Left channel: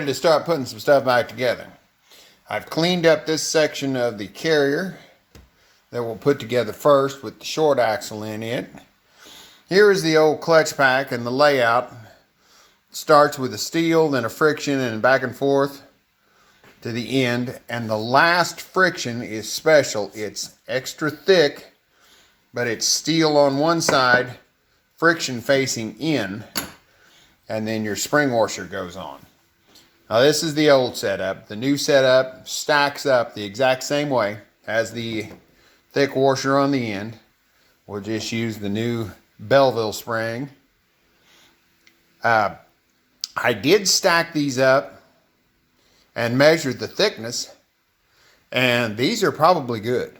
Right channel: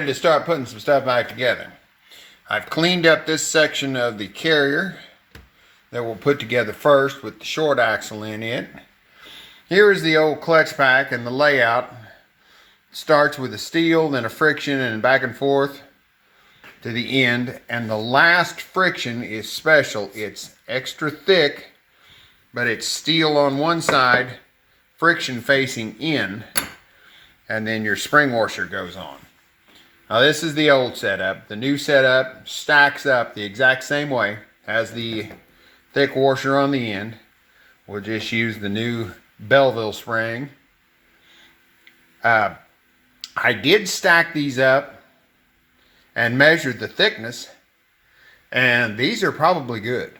ready to start putting some stuff back together. I've cleaned up this section of the carrier that we'll put together first with the short axle in it. Here is the old clutch pack, and the layout starts with a steel, then a friction, and back and forth to the end. And the last friction is special. It's extra thick, but it's steel on one side, friction facing in, and then your spring washer goes on. Now this is the old setup. The new setup stacks up the exact same way, has the thick washer on the end. We'll just use the new Belleville spring. I did stack these up and measured the thickness, and these are probably good.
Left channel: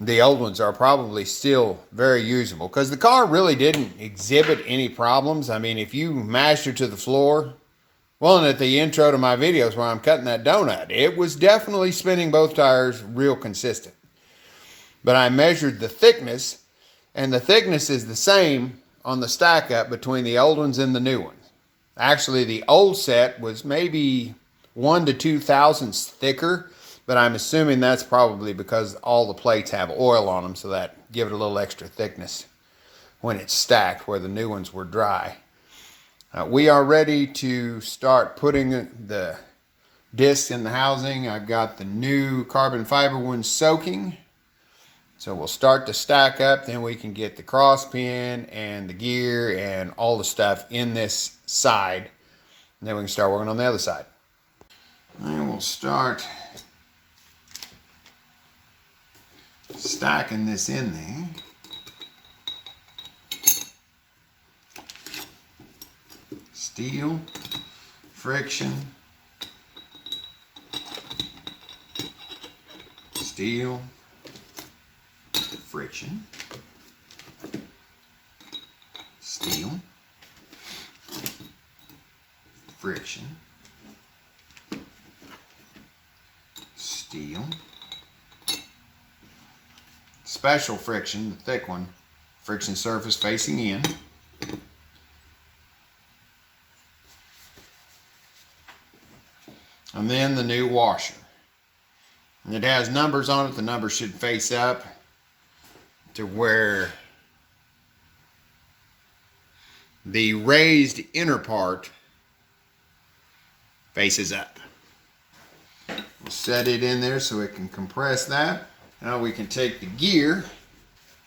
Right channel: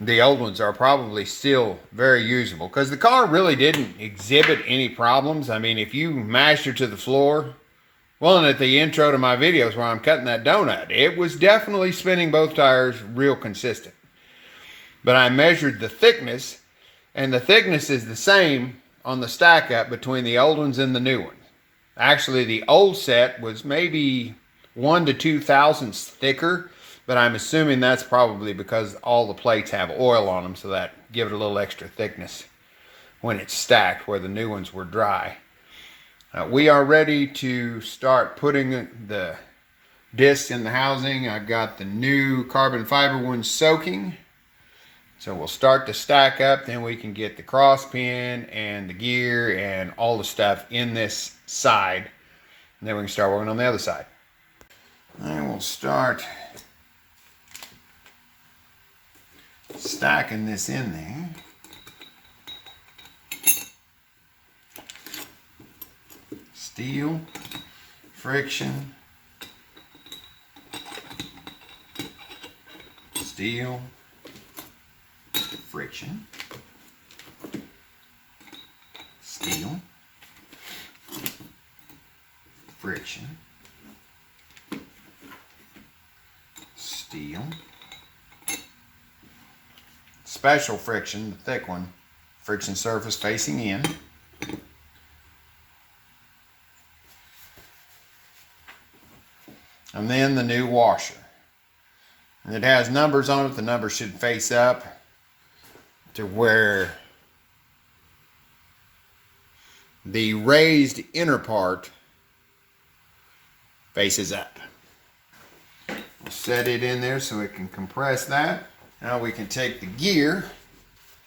The old ones are probably still very usable because the car really didn't exhibit any problems. I mean, if you mashed her to the floor, well, and at the intro to my videos where I'm cutting that donut, it was definitely spinning both tires real consistent. But I measured the thickness, and the thickness is the same on the stack up between the old ones and the new ones. Actually, the old set was maybe 1 to 2 thousandths thicker, but I'm assuming that's probably because all the plates have oil on them, so that give it a little extra thickness when it's stacked, where the new ones were dry. We are ready to start putting the discs in the housing. I've got the new carbon fiber ones soaking. So we'll start to stack up, then we can get the cross pin and the gear and all the stuff in this side. And then we can start working on the other side. And we'll start stacking this in there. Steel, friction, steel, friction, steel, friction, steel, special friction, the thick one, friction surface facing in, and then the new washer. And it has numbers on it. The numbers should face up to where the raised inner part faces up. We'll set it in there so it can compress that. Now we can take the gear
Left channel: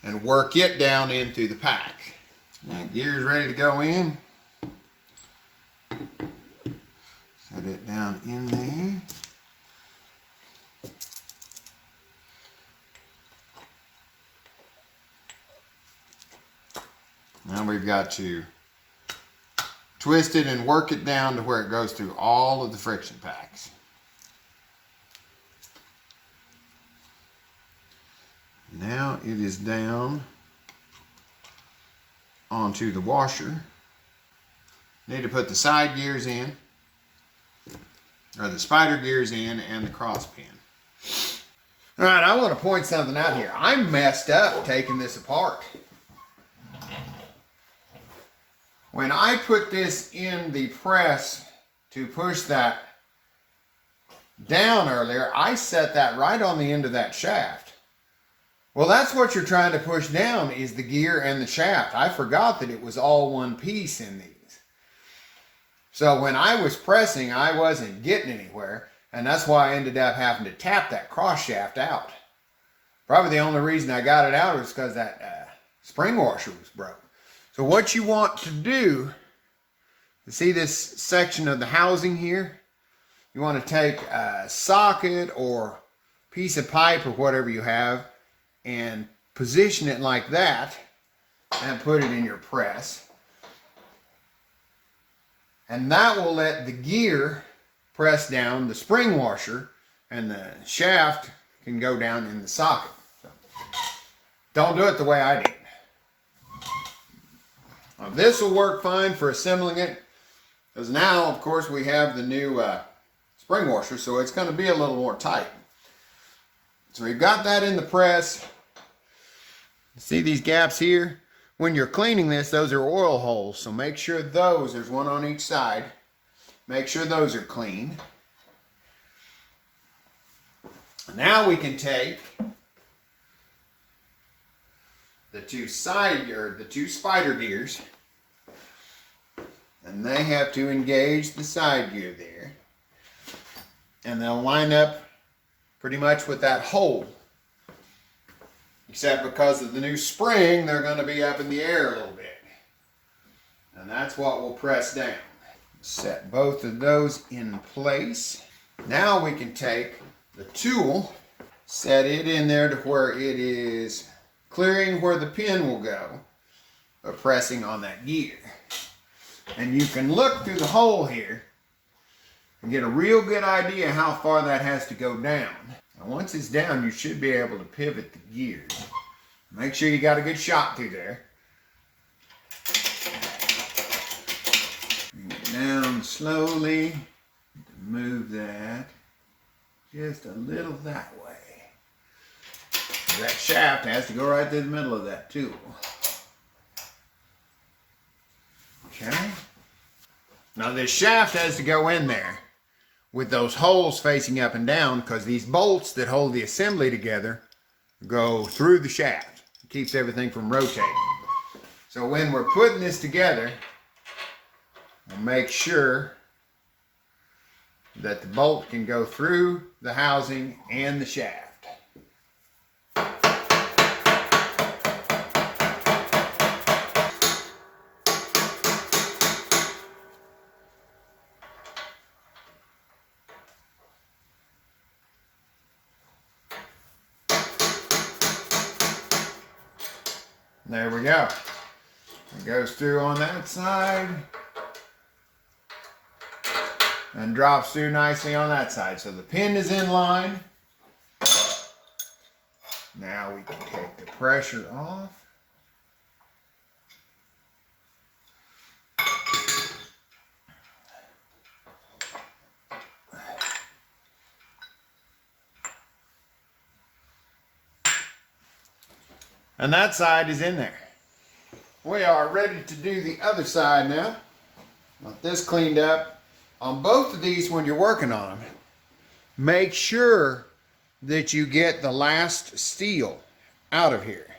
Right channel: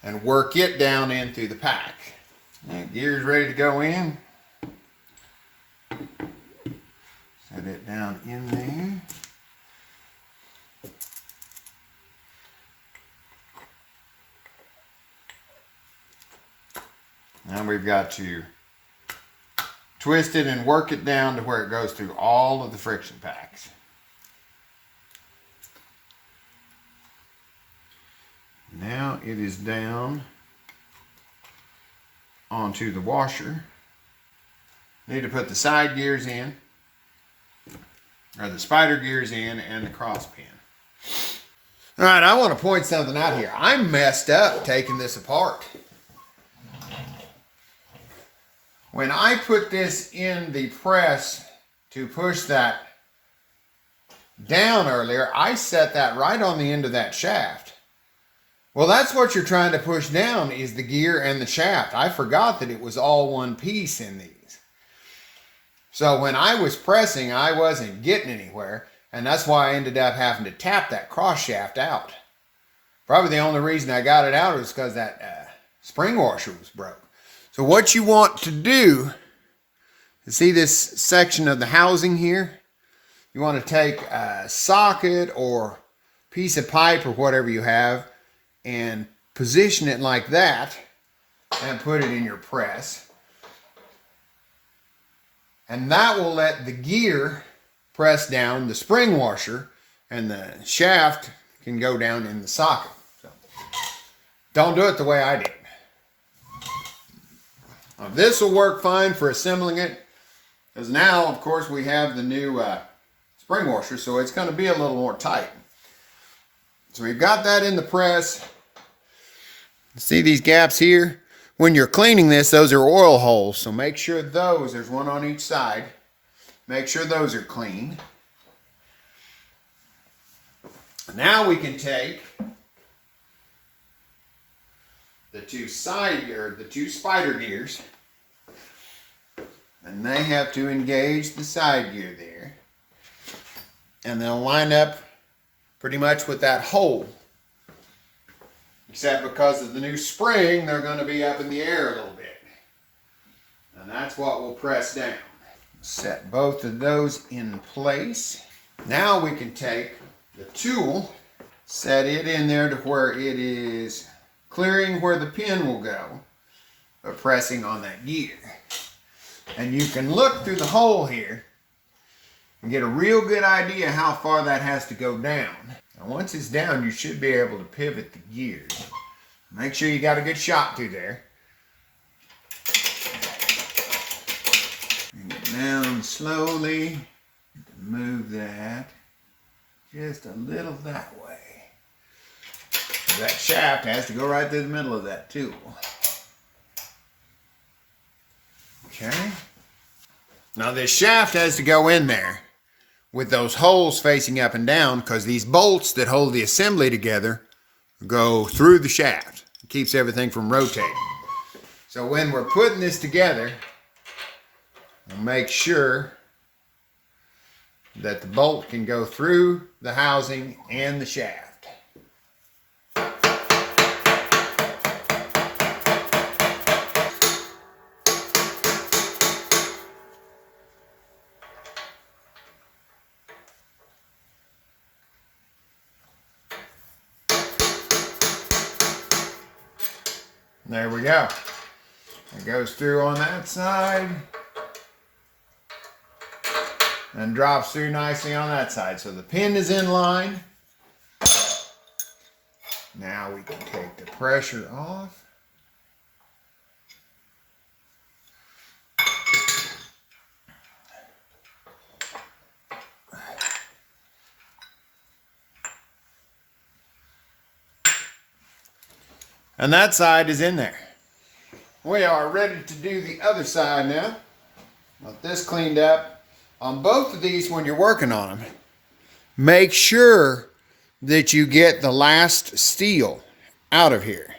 and work it down in through the pack. That gear's ready to go in. Set it down in there. Now we've got to twist it and work it down to where it goes through all of the friction packs. Now it is down onto the washer. Need to put the side gears in, or the spider gears in, and the cross pin. All right, I want to point something out here. I messed up taking this apart. When I put this in the press to push that down earlier, I set that right on the end of that shaft. Well, that's what you're trying to push down, is the gear and the shaft. I forgot that it was all one piece in these. So when I was pressing, I wasn't getting anywhere, and that's why I ended up having to tap that cross shaft out. Probably the only reason I got it out was because that spring washer was broke. So what you want to do, you see this section of the housing here? You want to take a socket or piece of pipe or whatever you have and position it like that and put it in your press. And that will let the gear press down the spring washer, and the shaft can go down in the socket. So don't do it the way I did. Now, this will work fine for assembling it, because now, of course, we have the new spring washer, so it's going to be a little more tight. So we've got that in the press. See these gaps here? When you're cleaning this, those are oil holes, so make sure there's one on each side. Make sure those are clean. Now we can take the two spider gears, and they have to engage the side gear there, and they'll line up pretty much with that hole, except because of the new spring they're going to be up in the air a little bit, and that's what we'll press down. Set both of those in place. Now we can take the tool, set it in there to where it is clearing where the pin will go by pressing on that gear. And you can look through the hole here and get a real good idea how far that has to go down. And once it's down, you should be able to pivot the gears. Make sure you got a good shot through there. Bring it down slowly. Move that just a little that way. That shaft has to go right through the middle of that tool. Okay. Now this shaft has to go in there with those holes facing up and down, because these bolts that hold the assembly together go through the shaft. It keeps everything from rotating. So when we're putting this together, we'll make sure that the bolt can go through the housing and the shaft. There we go. It goes through on that side and drops through nicely on that side. So the pin is in line. Now we can take the pressure off. And that side is in there. We are ready to do the other side now. Got this cleaned up. On both of these, when you're working on them, make sure that you get the last steel out of here,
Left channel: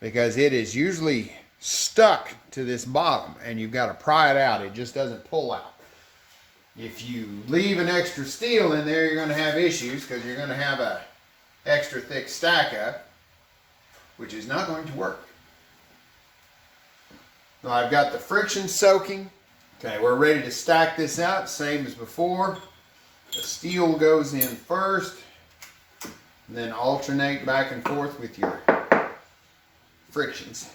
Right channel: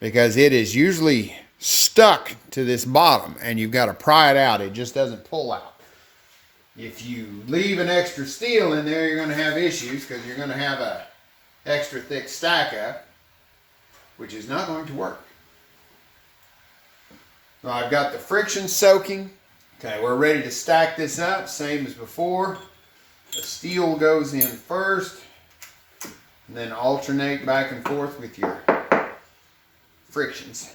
because it is usually stuck to this bottom and you've got to pry it out. It just doesn't pull out. If you leave an extra steel in there, you're going to have issues, because you're going to have a extra thick stack up, which is not going to work. So I've got the friction soaking. Okay, we're ready to stack this up, same as before. The steel goes in first, and then alternate back and forth with your frictions.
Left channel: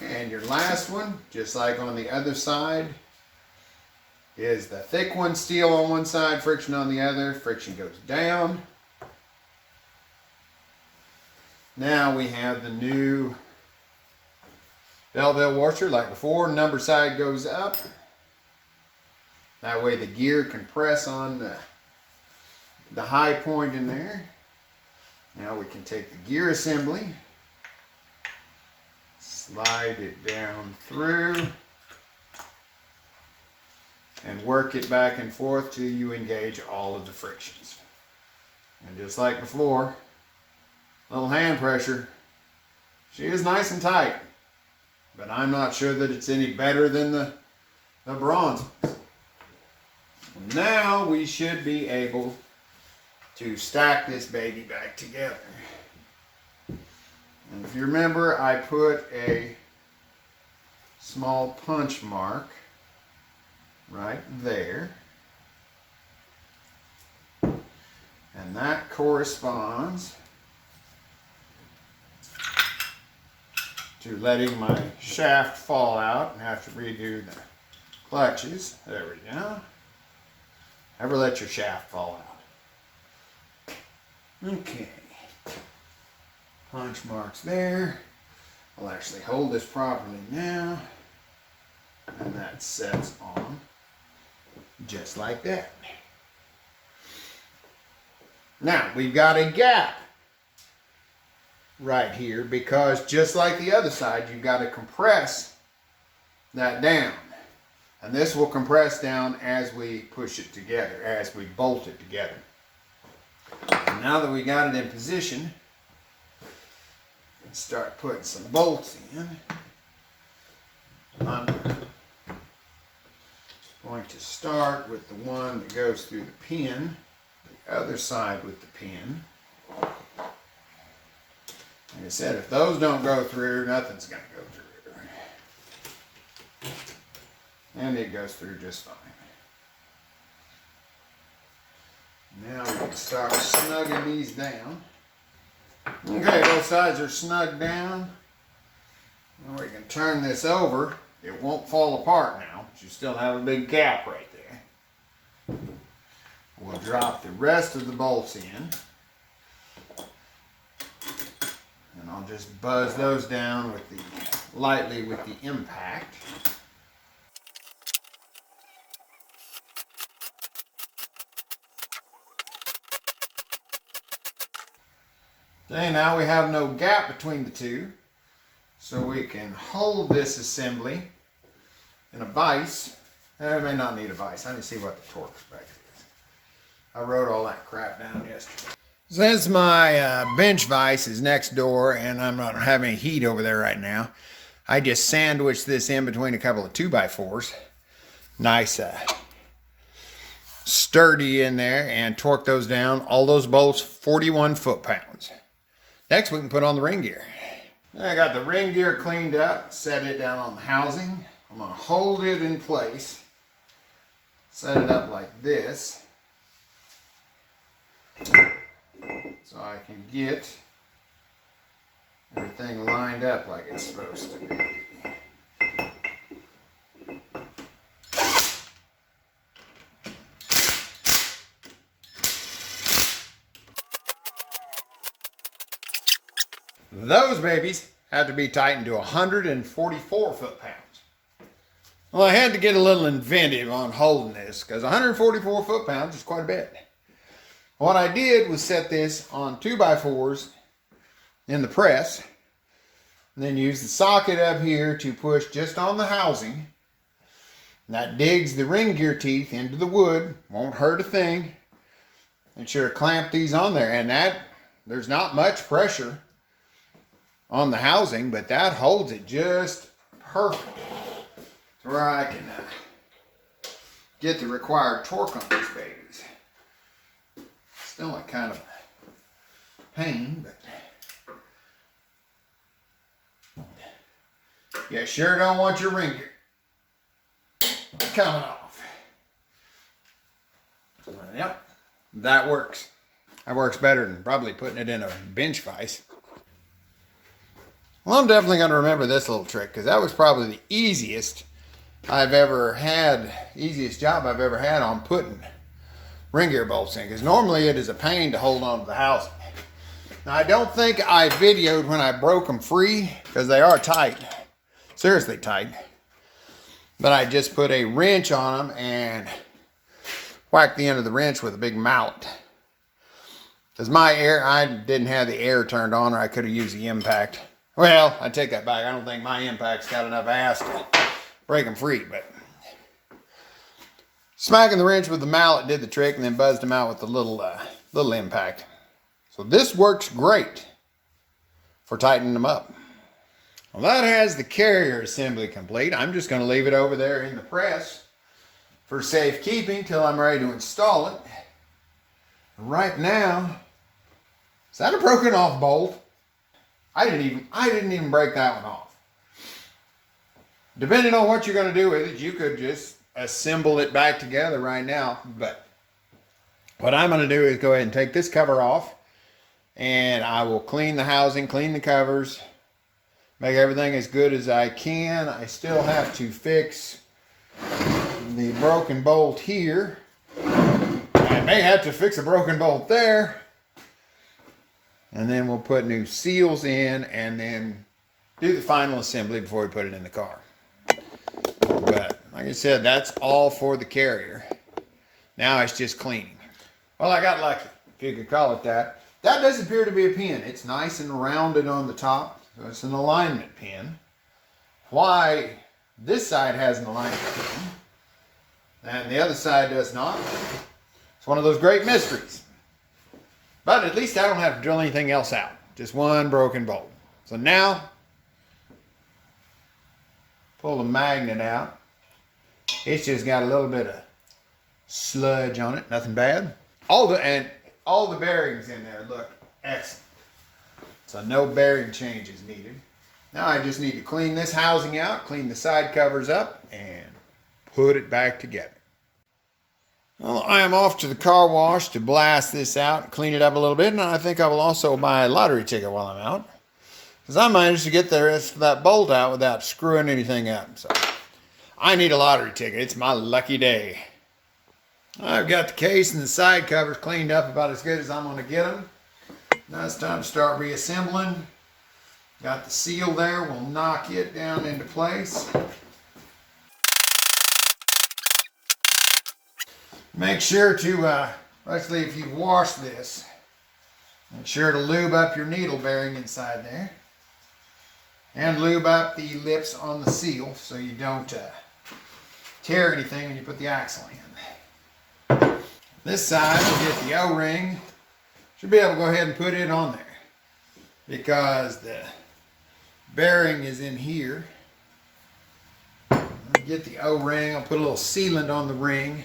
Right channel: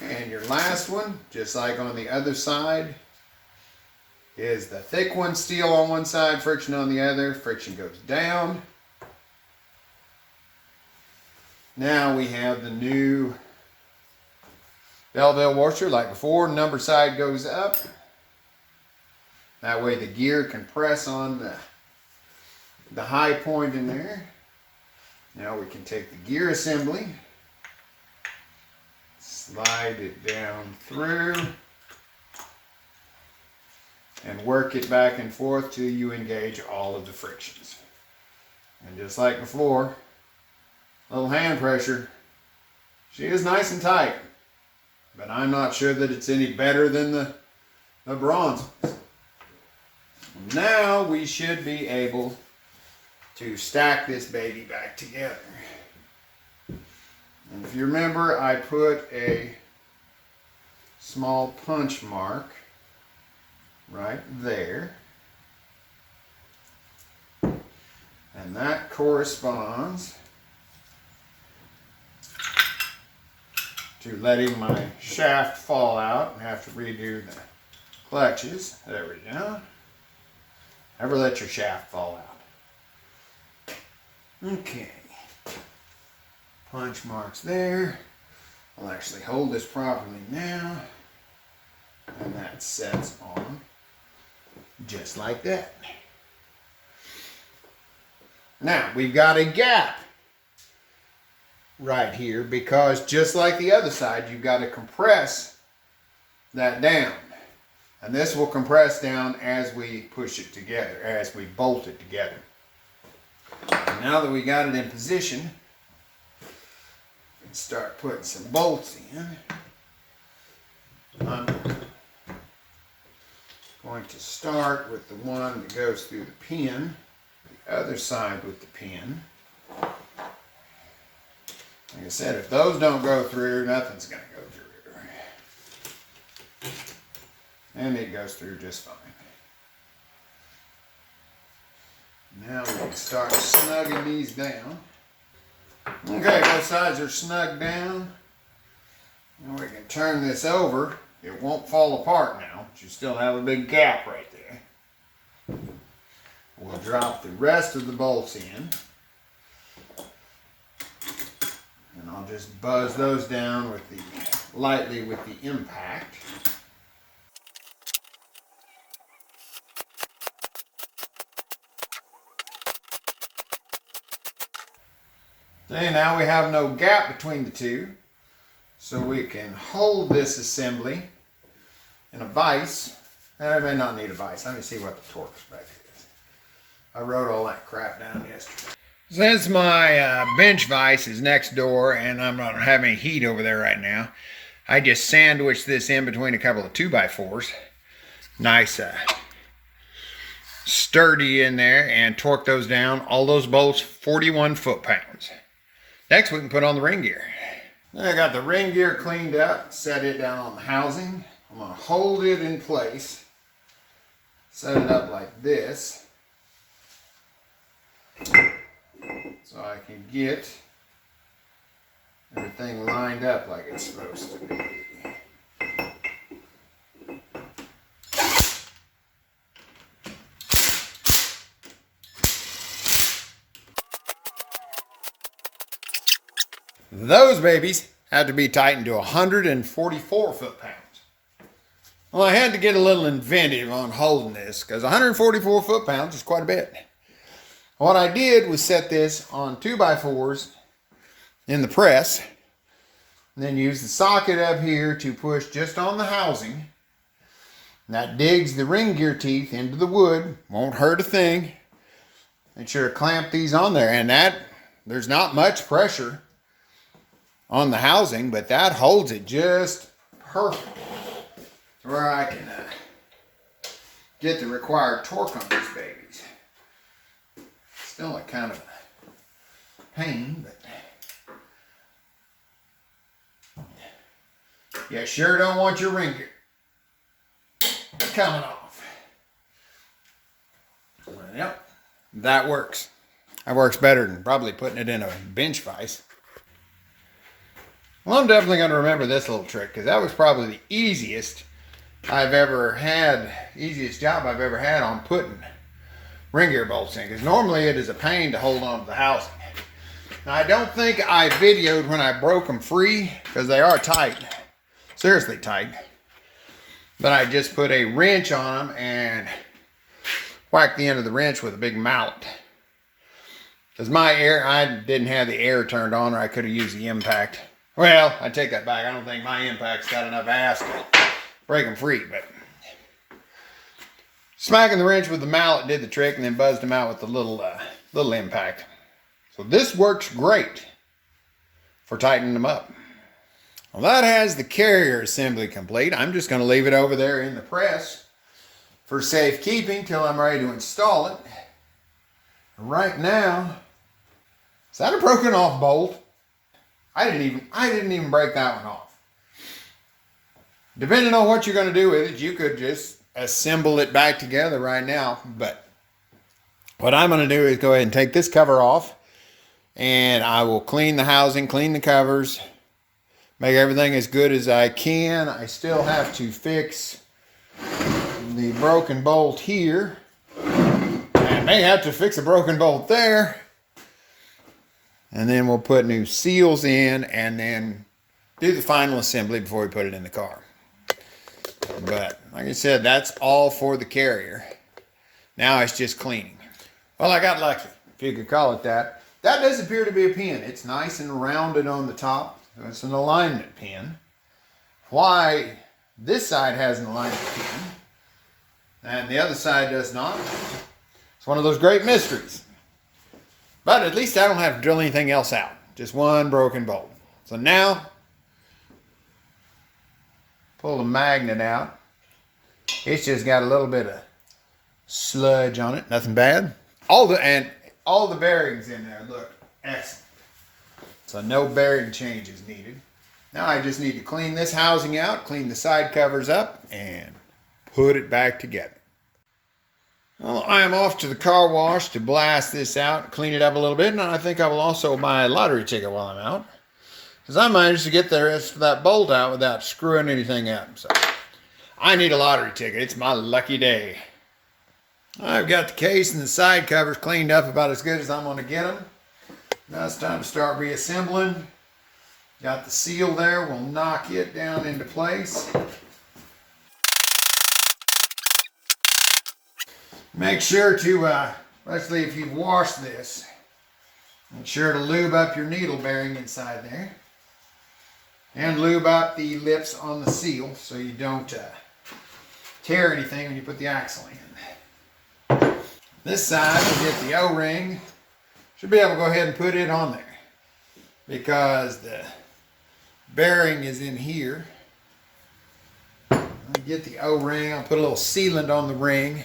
And your last one, just like on the other side, is the thick one, steel on one side, friction on the other. Friction goes down. Now we have the new Belleville washer like before. Number side goes up. That way the gear can press on the high point in there. Now we can take the gear assembly, slide it down through, and work it back and forth till you engage all of the frictions. And just like before, little hand pressure. She is nice and tight, but I'm not sure that it's any better than the bronze ones. Now we should be able to stack this baby back together. And if you remember, I put a small punch mark right there. And that corresponds to letting my shaft fall out and have to redo the clutches. There we go. Never let your shaft fall out. Okay. Punch marks there. I'll actually hold this properly now. And that sets on just like that. Now, we've got a gap right here, because just like the other side, you've got to compress that down. And this will compress down as we push it together, as we bolt it together. And now that we got it in position, we can start putting some bolts in. I'm going to start with the one that goes through the pin, the other side with the pin. Like I said, if those don't go through, nothing's going to go through. And it goes through just fine. Now we can start snugging these down. Okay, both sides are snugged down. Now we can turn this over. It won't fall apart now, but you still have a big gap right there. We'll drop the rest of the bolts in. And I'll just buzz those down with lightly with the impact. Okay, now we have no gap between the two, so we can hold this assembly in a vise. I may not need a vise. Let me see what the torque spec is. I wrote all that crap down yesterday. Since my bench vise is next door and I'm not having any heat over there right now, I just sandwiched this in between a couple of 2x4s. Nice sturdy in there, and torque those down. All those bolts, 41 foot-pounds. Next we can put on the ring gear. I got the ring gear cleaned up, set it down on the housing. I'm going to hold it in place, set it up like this, so I can get everything lined up like it's supposed to be. Those babies have to be tightened to 144 foot-pounds. Well, I had to get a little inventive on holding this because 144 foot-pounds is quite a bit. What I did was set this on 2x4s in the press, and then use the socket up here to push just on the housing. And that digs the ring gear teeth into the wood, won't hurt a thing. Make sure to clamp these on there, and there's not much pressure on the housing, but that holds it just perfect to where I can get the required torque on these babies. Still a kind of a pain, but you sure don't want your ring gear coming off. Yep, that works. That works better than probably putting it in a bench vise. Well, I'm definitely going to remember this little trick because that was probably the easiest job I've ever had on putting ring gear bolts in, because normally it is a pain to hold on to the housing. Now, I don't think I videoed when I broke them free because they are tight, seriously tight. But I just put a wrench on them and whacked the end of the wrench with a big mallet. Because I didn't have the air turned on, or I could have used the impact. Well, I take that back. I don't think my impact's got enough ass to break them free, but smacking the wrench with the mallet did the trick, and then buzzed them out with the little impact. So this works great for tightening them up. Well, that has the carrier assembly complete. I'm just going to leave it over there in the press for safekeeping till I'm ready to install it. Right now, is that a broken off bolt? I didn't even break that one off. Depending on what you're going to do with it, you could just assemble it back together right now. But what I'm going to do is go ahead and take this cover off, and I will clean the housing, clean the covers, make everything as good as I can. I still have to fix the broken bolt here. I may have to fix a broken bolt there. And then we'll put new seals in and then do the final assembly before we put it in the car. But like I said, that's all for the carrier. Now it's just cleaning. Well, I got lucky, if you could call it that. That does appear to be a pin. It's nice and rounded on the top. So it's an alignment pin. Why this side has an alignment pin and the other side does not. It's one of those great mysteries. But at least I don't have to drill anything else out. Just one broken bolt. So now, pull the magnet out. It's just got a little bit of sludge on it. Nothing bad. All the bearings in there look excellent. So no bearing changes needed. Now I just need to clean this housing out, clean the side covers up, and put it back together. Well, I am off to the car wash to blast this out, clean it up a little bit, and I think I will also buy a lottery ticket while I'm out. Because I managed to get the rest of that bolt out without screwing anything up. So I need a lottery ticket. It's my lucky day. I've got the case and the side covers cleaned up about as good as I'm going to get them. Now it's time to start reassembling. Got the seal there. We'll knock it down into place. Make sure to, especially if you've washed this, make sure to lube up your needle bearing inside there. And lube up the lips on the seal so you don't tear anything when you put the axle in. This side, we'll get the O-ring. Should be able to go ahead and put it on there because the bearing is in here. Let me get the O-ring. I'll put a little sealant on the ring.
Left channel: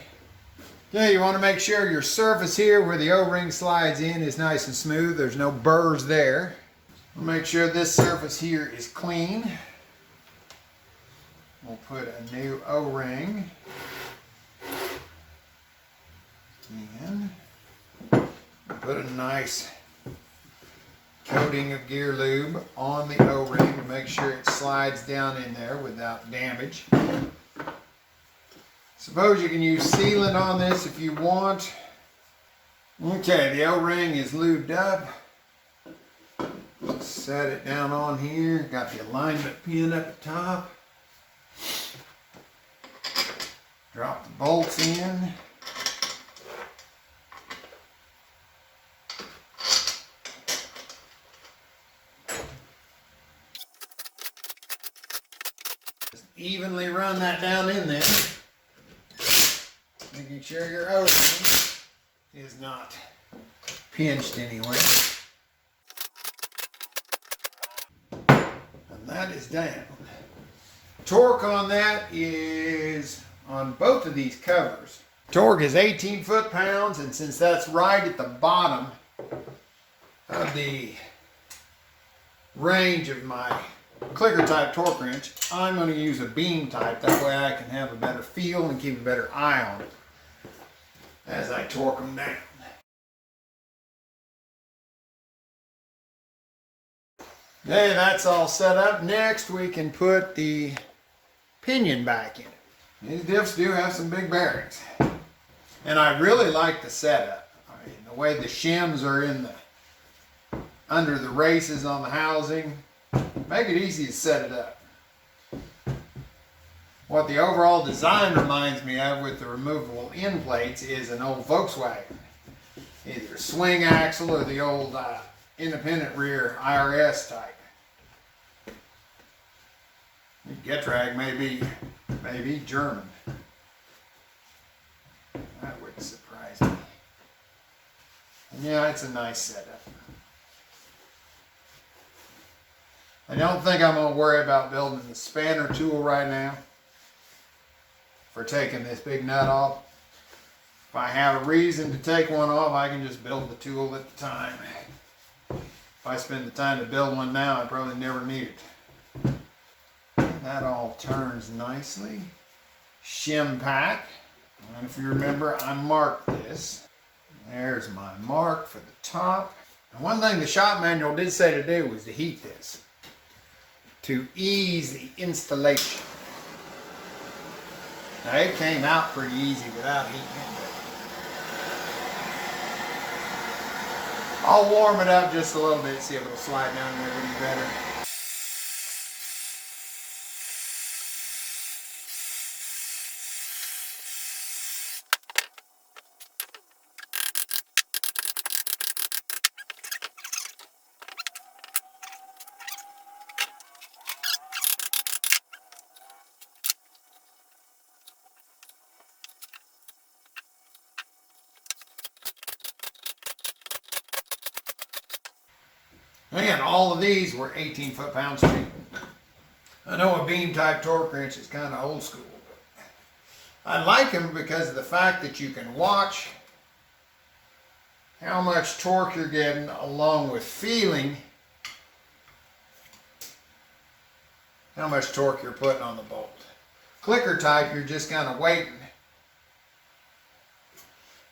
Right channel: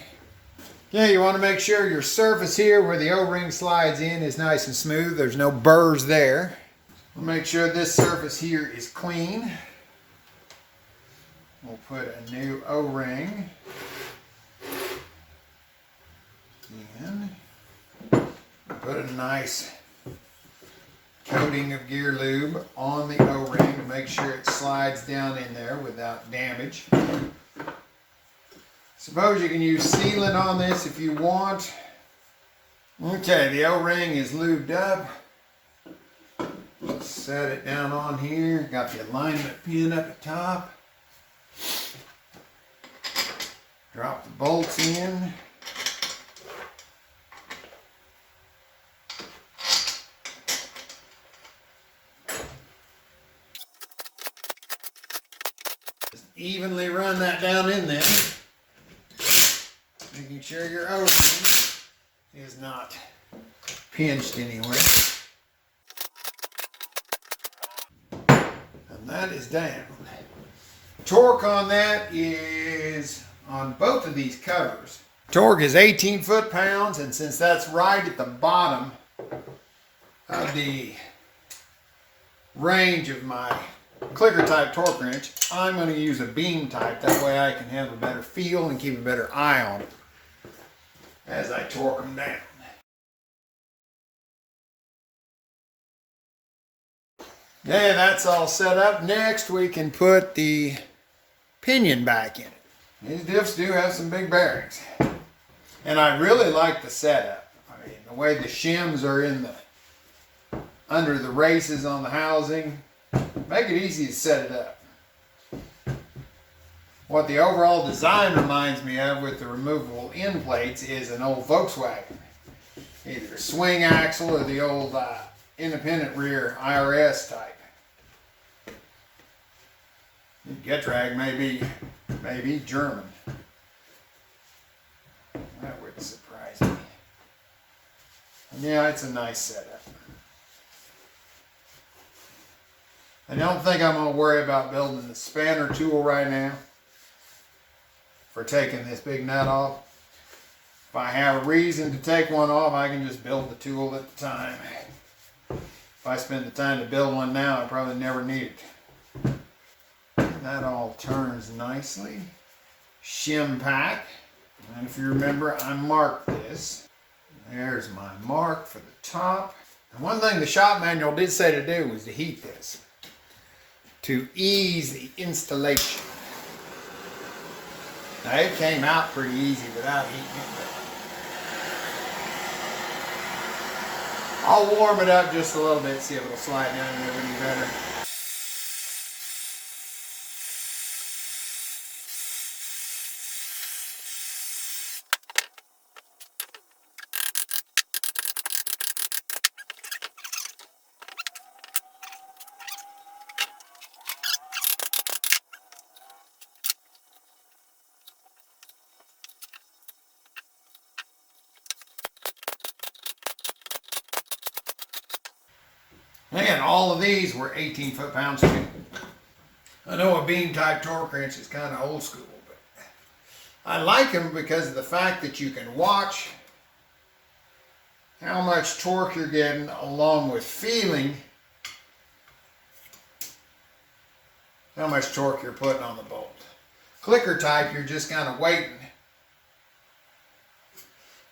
Yeah, you want to make sure your surface here where the O-ring slides in is nice and smooth. There's no burrs there. We'll make sure this surface here is clean. We'll put a new O-ring in. Put a nice coating of gear lube on the O-ring to make sure it slides down in there without damage. Suppose you can use sealant on this if you want. Okay, the O-ring is lubed up. Set it down on here. Got the alignment pin at the top. Drop the bolts in. Just evenly run that down in there. Making sure your O-ring is not pinched anywhere. And that is down. Torque on that is, on both of these covers, torque is 18 foot-pounds, and since that's right at the bottom of the range of my clicker type torque wrench, I'm going to use a beam type. That way I can have a better feel and keep a better eye on it as I torque them down. Okay, that's all set up. Next we can put the pinion back in it. These diffs do have some big bearings. And I really like the setup. I mean, the way the shims are in the under the races on the housing make it easy to set it up. What the overall design reminds me of with the removable end plates is an old Volkswagen. Either a swing axle or the old independent rear IRS type. Getrag may be German. That wouldn't surprise me. And yeah, it's a nice setup. I don't think I'm going to worry about building the spanner tool right now for taking this big nut off. If I have a reason to take one off, I can just build the tool at the time. If I spend the time to build one now, I probably never need it. That all turns nicely. Shim pack. And if you remember, I marked this. There's my mark for the top. And one thing the shop manual did say to do was to heat this to ease the installation. Now it came out pretty easy without heating it. I'll warm it up just a little bit, see if it'll slide down there any better. And all of these were 18 foot-pounds too. I know a beam type torque wrench is kind of old school, but I like them because of the fact that you can watch how much torque you're getting along with feeling how much torque you're putting on the bolt. Clicker type, you're just kind of waiting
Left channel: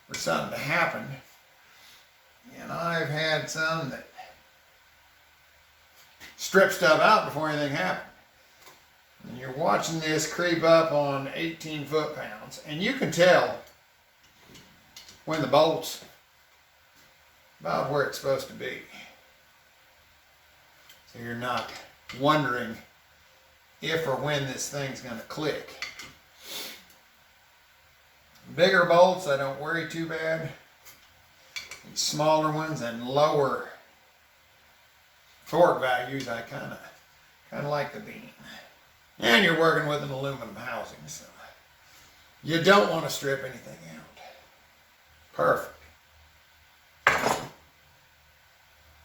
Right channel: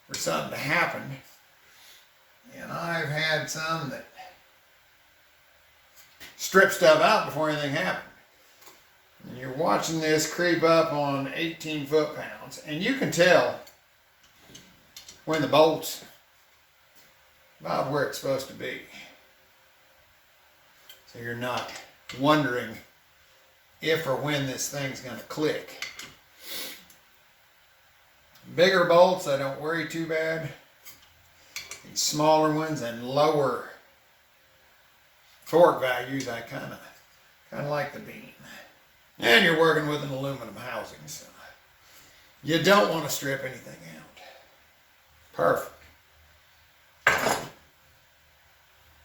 for something to happen. And I've had some that strip stuff out before anything happened. And you're watching this creep up on 18 foot-pounds, and you can tell when the bolt's about where it's supposed to be. So you're not wondering if or when this thing's going to click. Bigger bolts, I don't worry too bad. These smaller ones and lower torque values, I kind of like the beam. And you're working with an aluminum housing, so you don't want to strip anything out. Perfect.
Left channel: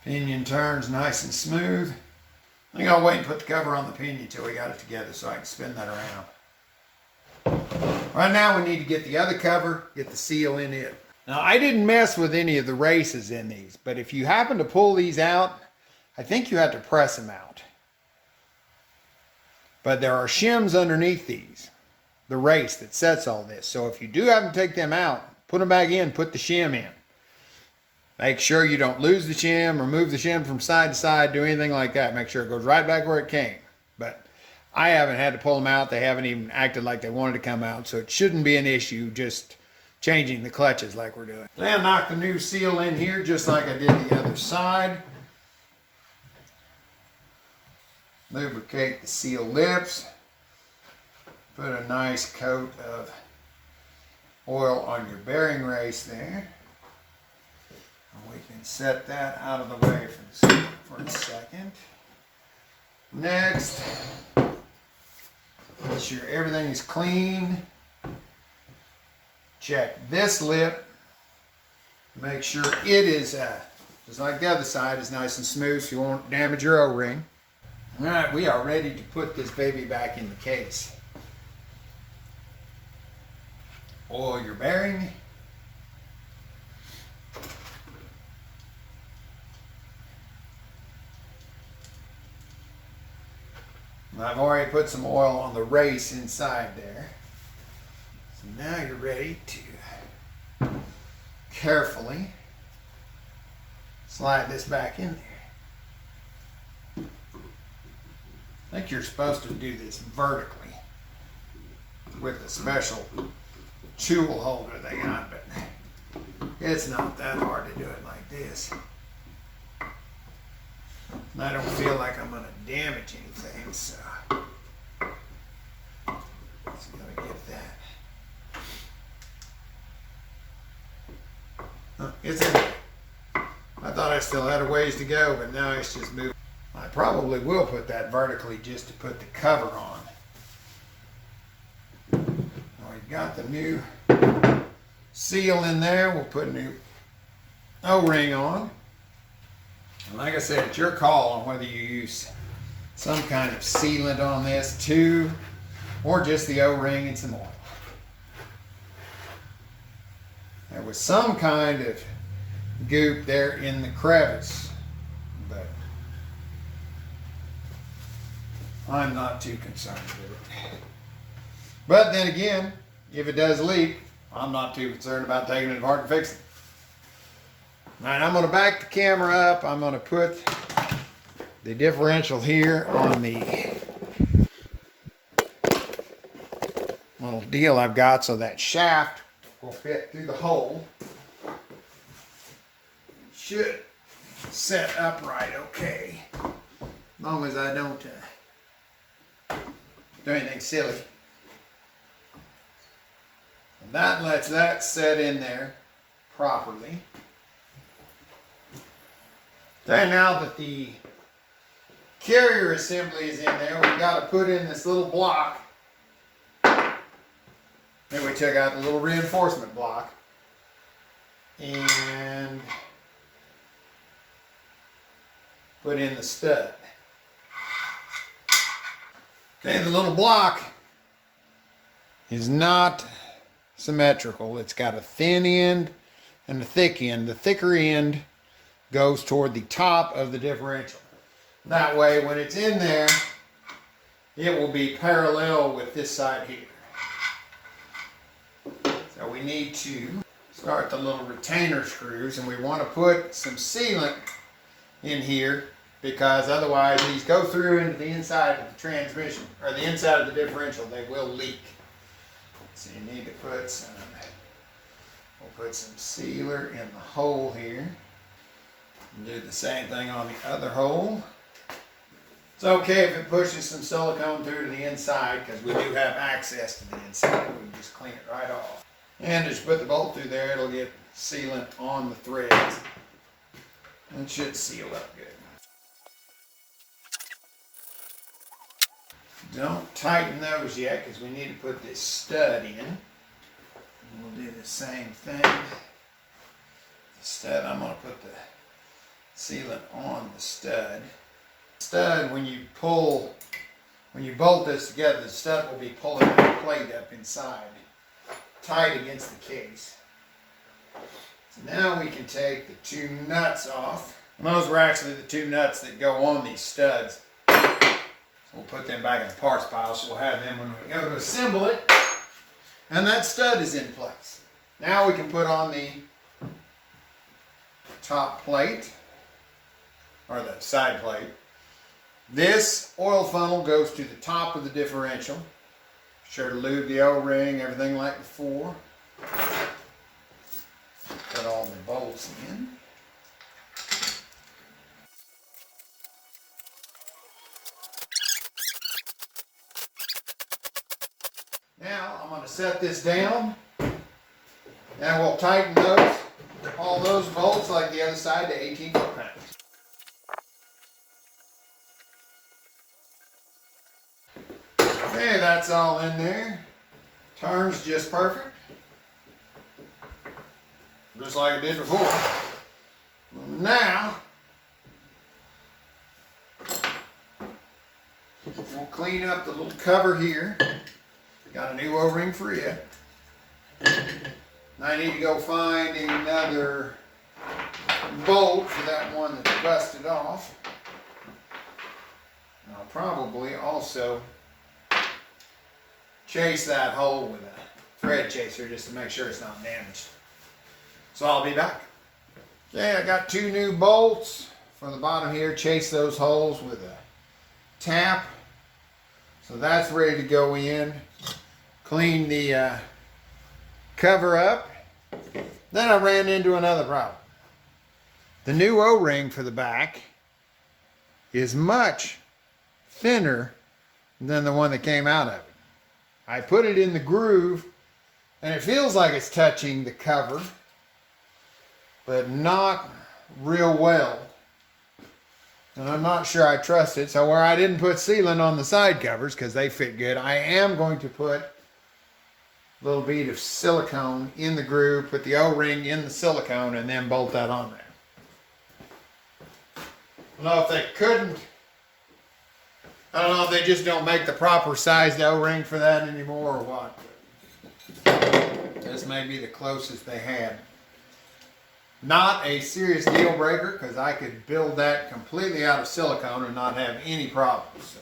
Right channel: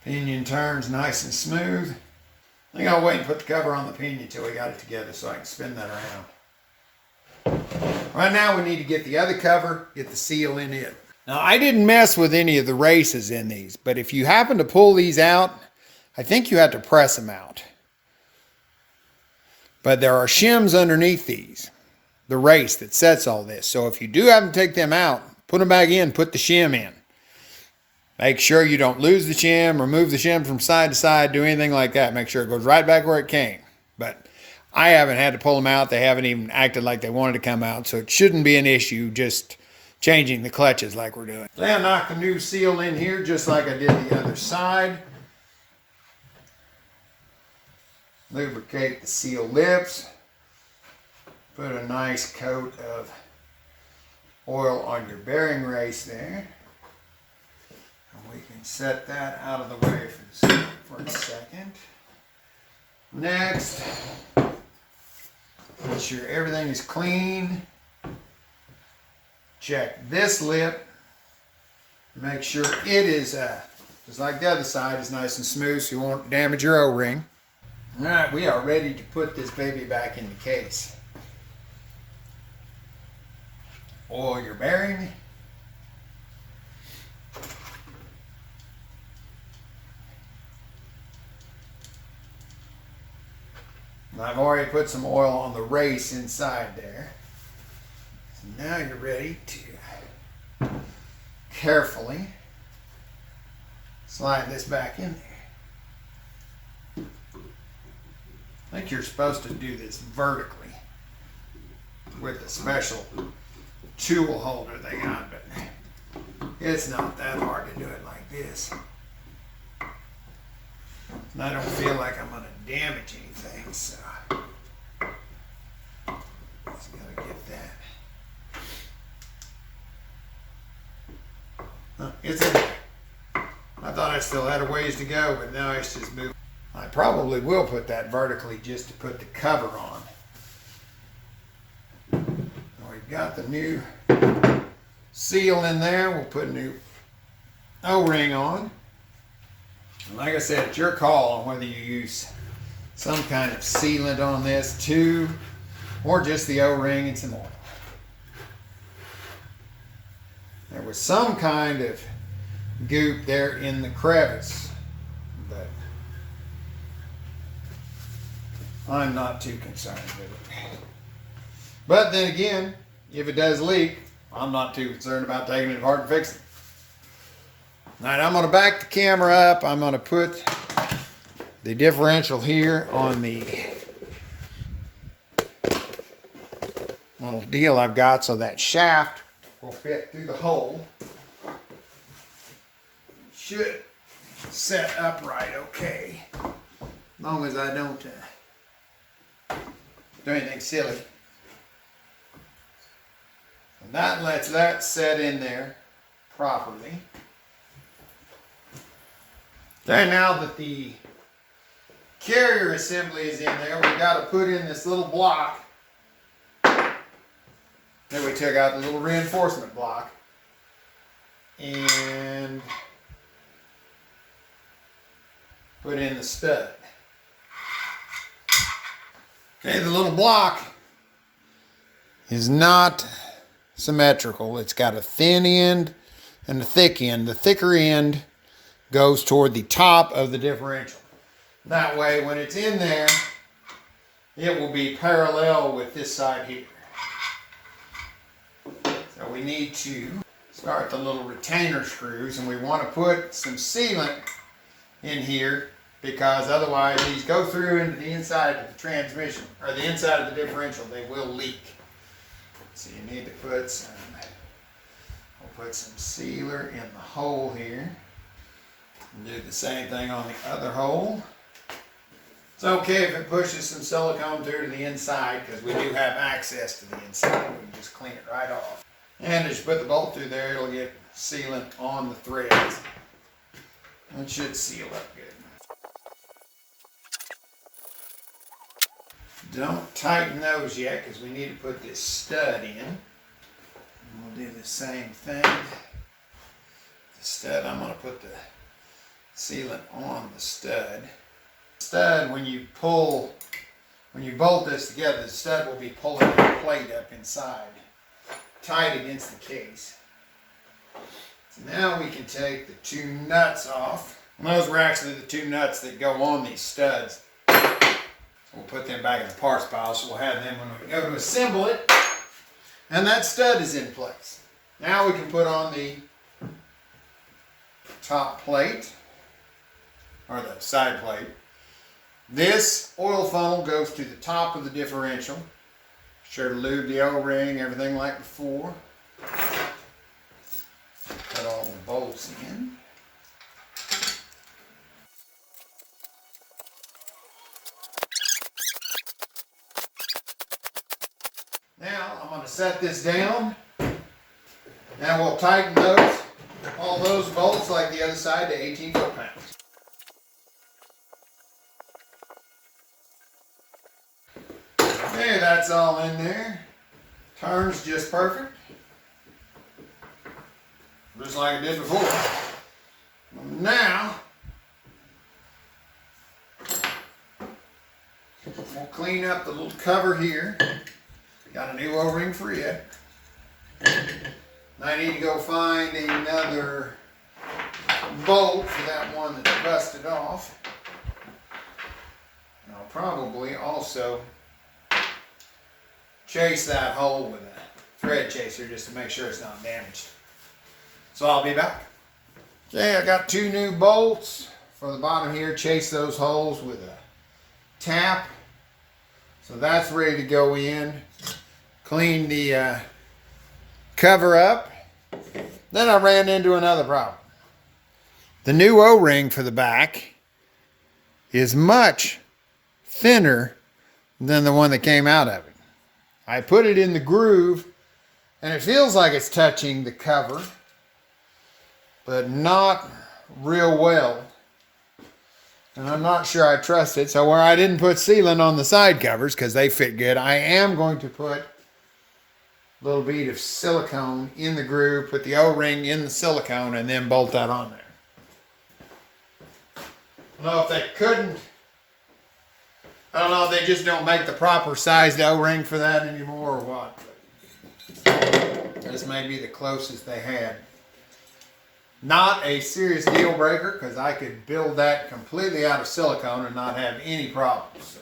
Pinion turns nice and smooth. I think I'll wait and put the cover on the pinion until we got it together so I can spin that around. Right now we need to get the other cover, get the seal in it. Now I didn't mess with any of the races in these, but if you happen to pull these out, I think you have to press them out. But there are shims underneath these, the race that sets all this. So if you do have to take them out, put them back in, put the shim in. Make sure you don't lose the shim, remove the shim from side to side, do anything like that. Make sure it goes right back where it came. But I haven't had to pull them out. They haven't even acted like they wanted to come out. So it shouldn't be an issue just changing the clutches like we're doing. Then knock the new seal in here just like I did the other side. Lubricate the seal lips. Put a nice coat of oil on your bearing race there. And we can set that out of the way for a second. Next, make sure everything is clean. Check this lip. Make sure it is, just like the other side, is nice and smooth so you won't damage your O-ring. All right, we are ready to put this baby back in the case. Oil your bearing. I've already put some oil on the race inside there. So now you're ready to carefully slide this back in there. I think you're supposed to do this vertically with the special tool holder they got, but it's not that hard to do it like this. And I don't feel like I'm going to damage anything, so just got to get that. It's in there. I thought I still had a ways to go, but now it's just moving. I probably will put that vertically just to put the cover on. Now we've got the new seal in there. We'll put a new O-ring on. And like I said, it's your call on whether you use some kind of sealant on this too, or just the O-ring and some oil. There was some kind of goop there in the crevice, but I'm not too concerned with it. But then again, if it does leak, I'm not too concerned about taking it apart and fixing it. All right, I'm going to back the camera up. I'm going to put the differential here on the little deal I've got so that shaft will fit through the hole. Should set upright okay, as long as I don't do anything silly. And that lets that set in there properly. Then now that the carrier assembly is in there, we've got to put in this little block. Then we took out the little reinforcement block and put in the stud. Okay, the little block is not symmetrical. It's got a thin end and a thick end. The thicker end goes toward the top of the differential. That way, when it's in there, it will be parallel with this side here. So we need to start the little retainer screws, and we want to put some sealant in here because otherwise these go through into the inside of the transmission, or the inside of the differential. They will leak. So you need to put some, we'll put some sealer in the hole here. And do the same thing on the other hole. It's okay if it pushes some silicone through to the inside because we do have access to the inside. We can just clean it right off. And as you put the bolt through there, it'll get sealant on the threads. It should seal up good. Don't tighten those yet because we need to put this stud in. And we'll do the same thing. The stud, I'm going to put the sealant on the stud. Stud, when you bolt this together, the stud will be pulling the plate up inside, tight against the case. So now we can take the two nuts off. And those were actually the two nuts that go on these studs. We'll put them back in the parts pile, so we'll have them when we go to assemble it. And that stud is in place. Now we can put on the top plate, or the side plate. This oil funnel goes to the top of the differential. Sure to lube the O-ring, everything like before. Put all the bolts in. Now I'm going to set this down, and we'll tighten all those bolts like the other side to 18 foot-pounds. Okay, that's all in there. Turns just perfect. Just like I did before. Now, we'll clean up the little cover here. Got a new O-ring for it. I need to go find another bolt for that one that's busted off. I'll probably also chase that hole with a thread chaser just to make sure it's not damaged. So I'll be back. Okay, I got two new bolts for the bottom here. Chase those holes with a tap. So that's ready to go in. Clean the cover up. Then I ran into another problem. The new O-ring for the back is much thinner than the one that came out of it. I put it in the groove and it feels like it's touching the cover, but not real well. And I'm not sure I trust it. So where I didn't put sealant on the side covers because they fit good, I am going to put a little bead of silicone in the groove, put the O-ring in the silicone, and then bolt that on there. I don't know if they couldn't. I don't know if they just don't make the proper sized O-ring for that anymore or what. This may be the closest they had. Not a serious deal breaker because I could build that completely out of silicone and not have any problems. So,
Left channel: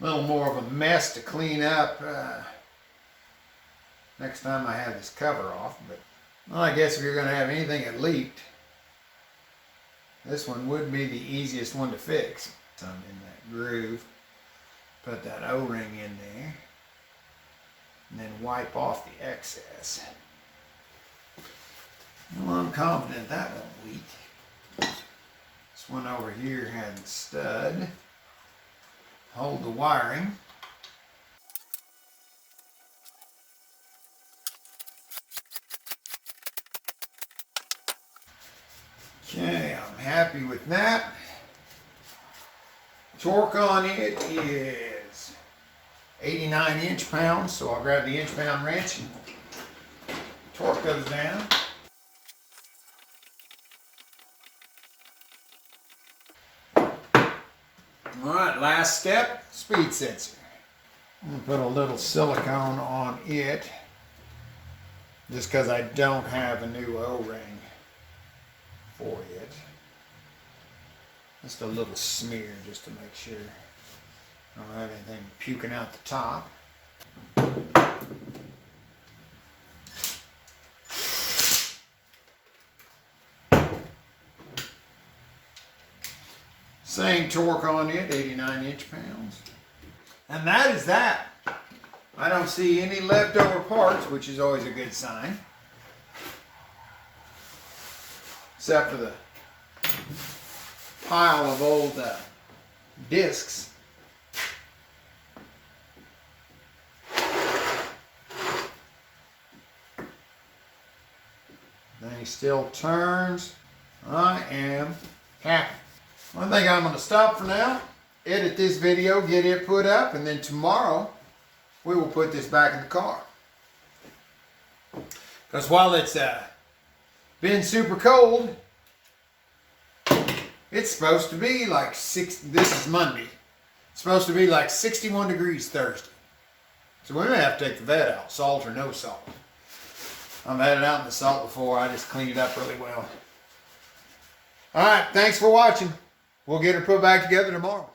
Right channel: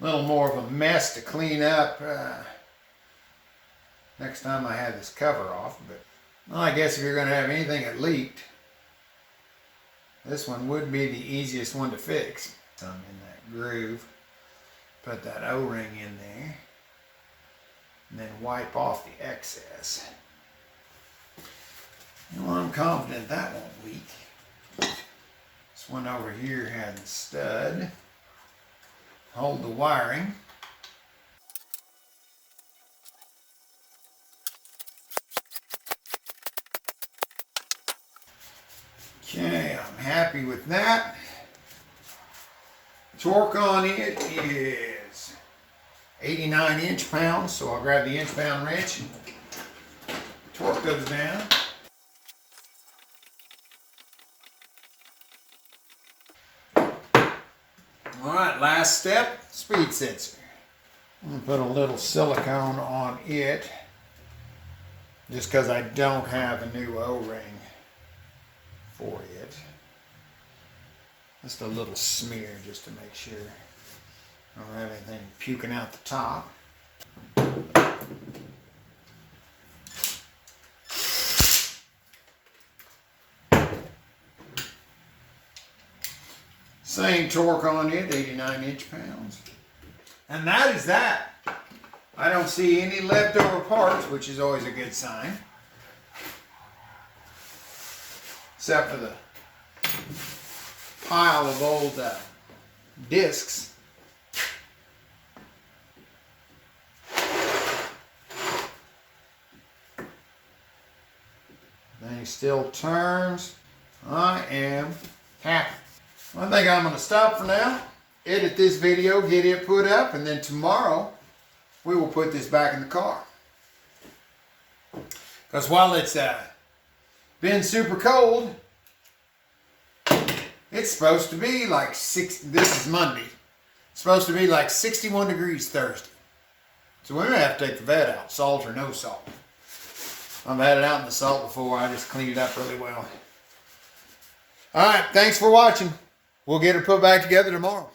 a little more of a mess to clean up next time I have this cover off. But well, I guess if you're going to have anything that leaked, this one would be the easiest one to fix. Some in that groove. Put that O-ring in there. And then wipe off the excess. Well, I'm confident that won't leak. This one over here had the stud. Hold the wiring. Okay, I'm happy with that. Torque on it is 89 inch-pounds, so I'll grab the inch-pound wrench and torque those down. All right, last step, speed sensor. I'm gonna put a little silicone on it just because I don't have a new O-ring for it. Just a little smear just to make sure I don't have anything puking out the top. Same torque on it, 89 inch-pounds. And that is that. I don't see any leftover parts, which is always a good sign. Except for the pile of old discs. Thing still turns. I am happy. I think I'm going to stop for now, edit this video, get it put up, and then tomorrow we will put this back in the car. Because while it's been super cold, it's supposed to be like this is Monday, it's supposed to be like 61 degrees Thursday. So we're going to have to take the vet out, salt or no salt. I've had it out in the salt before, I just cleaned it up really well. Alright, thanks for watching. We'll get her put back together tomorrow.